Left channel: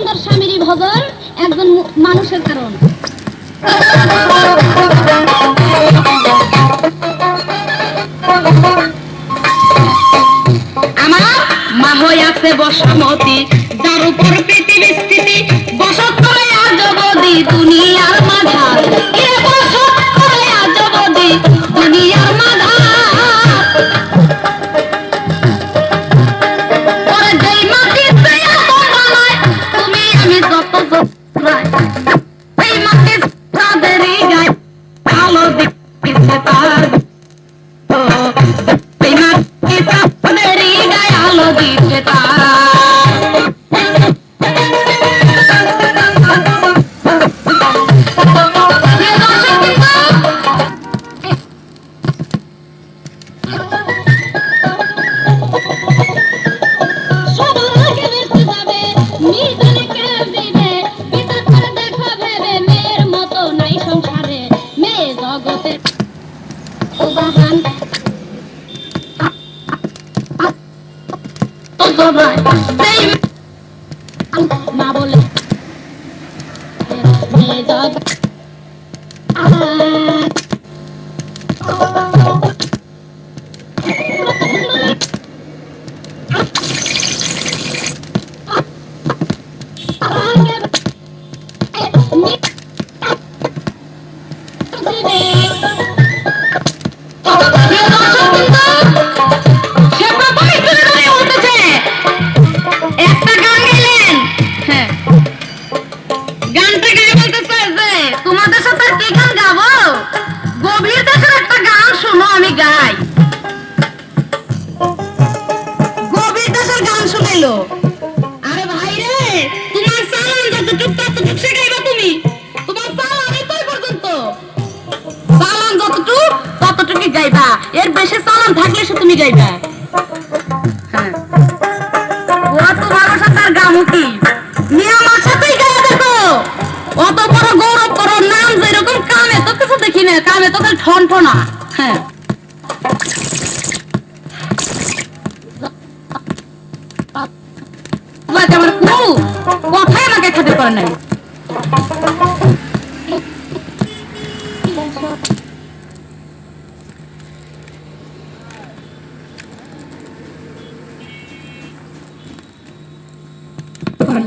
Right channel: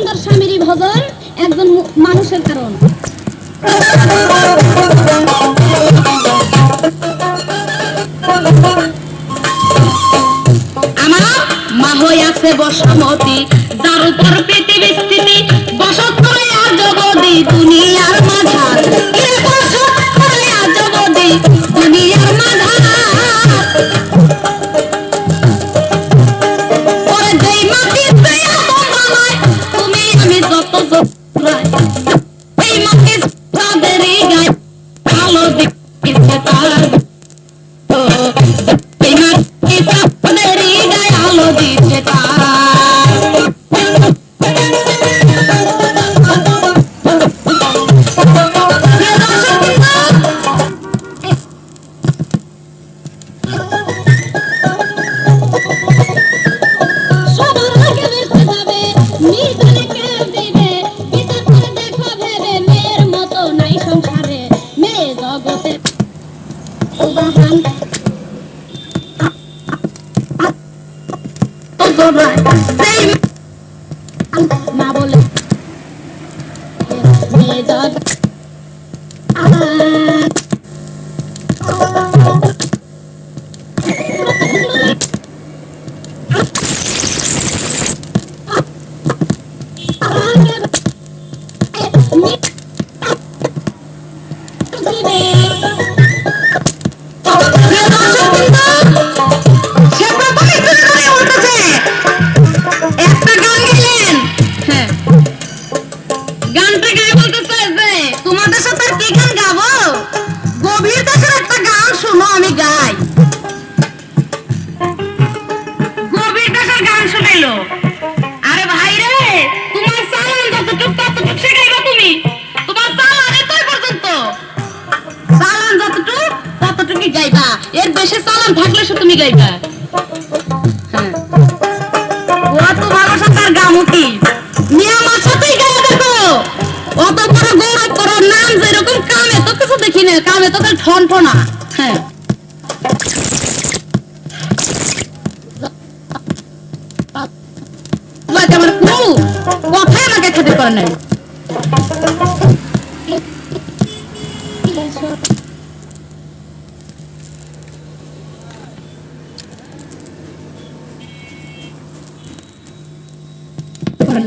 সুন্দর স্বামীরই ভজন একজন মানুষের কারণ। পৃথিবী দুনিয়ার মাঝার। আর মাঝার। গাইবা? এর বেশি চালান থাকলে সে তুমি গাইবা। হ্যাঁ। অত ভালোবাসা তার গামু কি নিয়ে আমার সাথেই গায়ে দেখো। অত বড় গৌরব করো, নাম যেরকম কামে তো কিছু দেখি না কামে তো ঠন ঠনা। হ্যাঁ। কোনো আমাকে খেতে পারে নাই।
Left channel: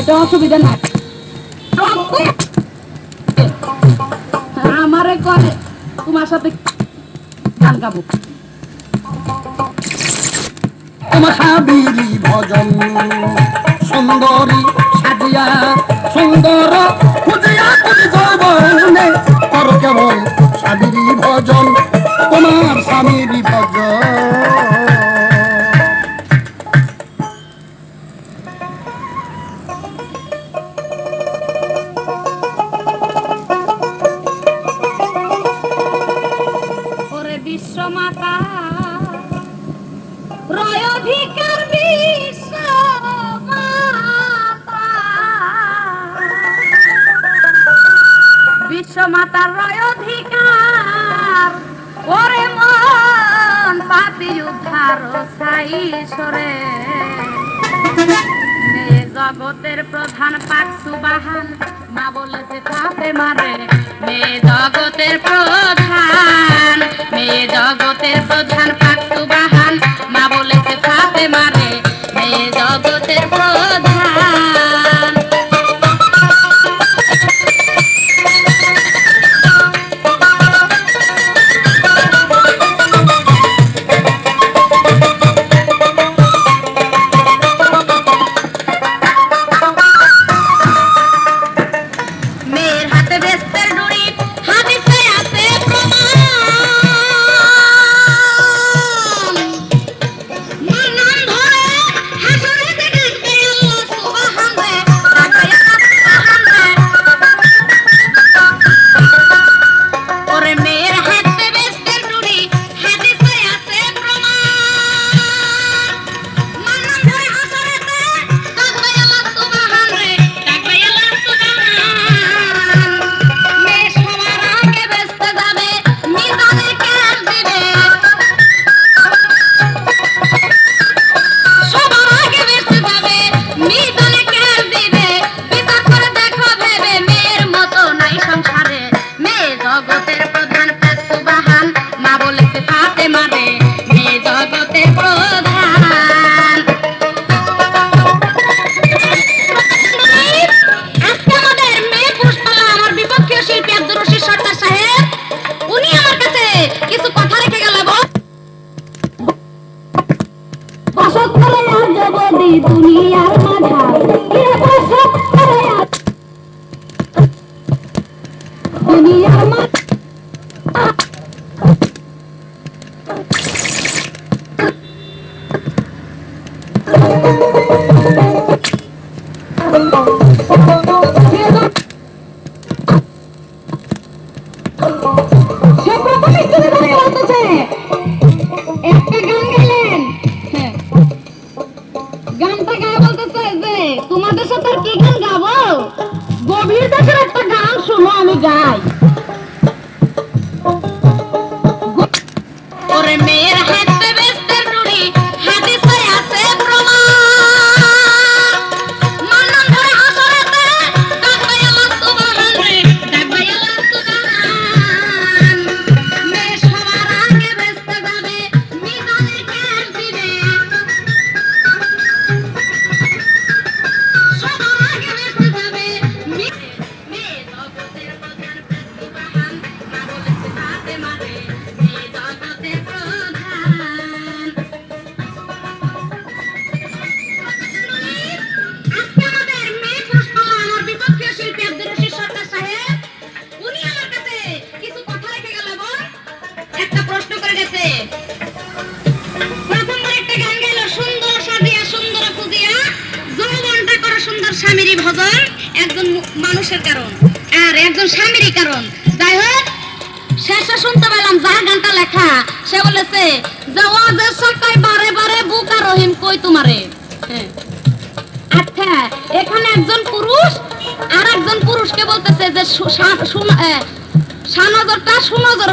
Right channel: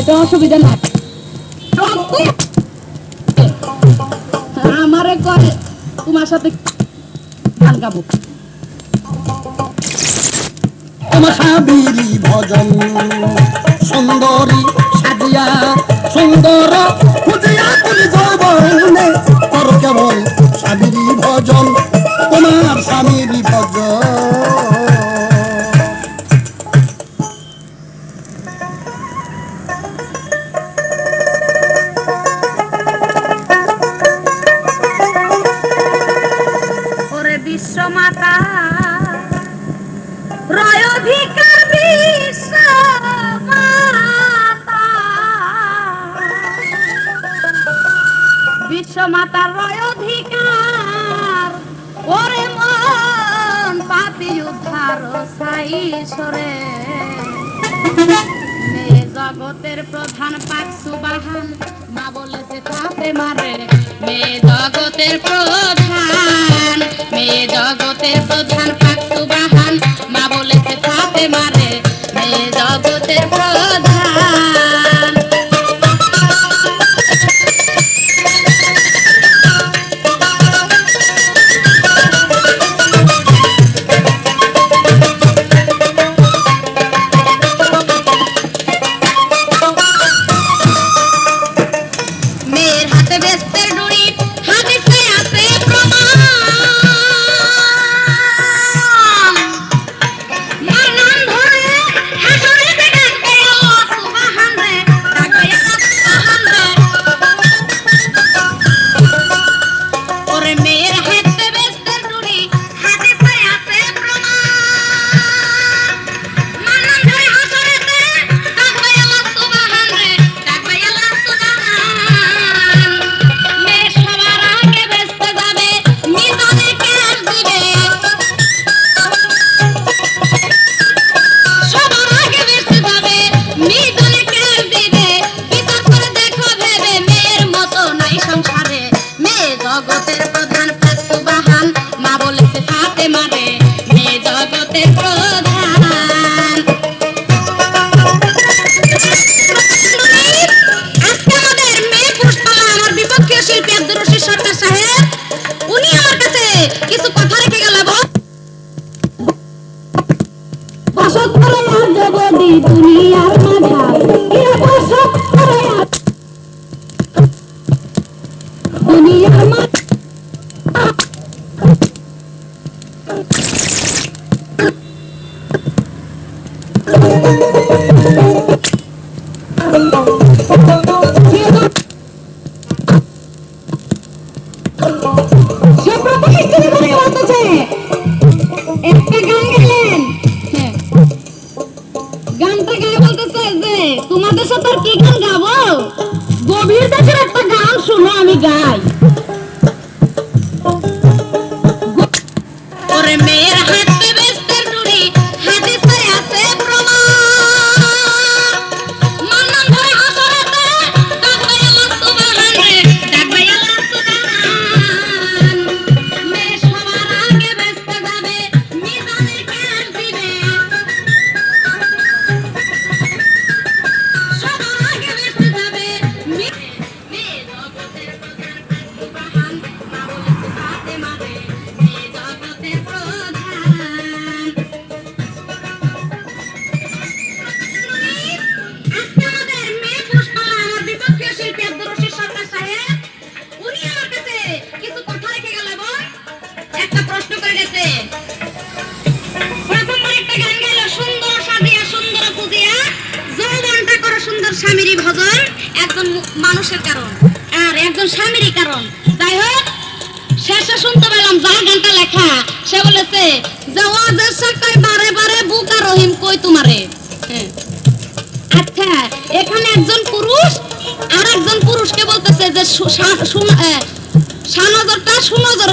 এটা অসুবিধা নাই। আমারে করে তোমার সাথে গান গাবো। তোমার সাবিরি ভজন সুন্দরী সাজিয়া, সুন্দর খুঁজিয়া করি যৌবনে কর কেবল সাবিরি ভজন তোমার বিশ্বমাতার রয় অধিকার। ওরে মন, পাপি উদ্ধার সাই সরে জগতের প্রধান পাক সুবাহান, মা বলেছে কাপে মারে। মেয়ে জগতের প্রধান মেয়ে জগতের প্রধান পাক সুবাহান, মা বলেছে কাপে মারে। মেয়ে জগতের প্রধান দুনিয়ার মাঝাও এ বসত করে আছি? দুনিয়ার মাঝ সে প্রথম স্ত্রী ধরে বলতেছে একটা গান যায় স্বামীরই ভজন একজন মানুষের কারণ, আর একজন স্বামীরই কারণ। যাই হোক, শেষে শুনতে পেলাম যার গানটা লেখা। সে বলেছে যে ওয়াজের সাকাই বারে বারে বুকা রহিম কই তোমারে? হ্যাঁ। আচ্ছা এখানে একজন পুরুষ আর একজন পুরুষকে বলতেছে যে সানজরটা সুনজর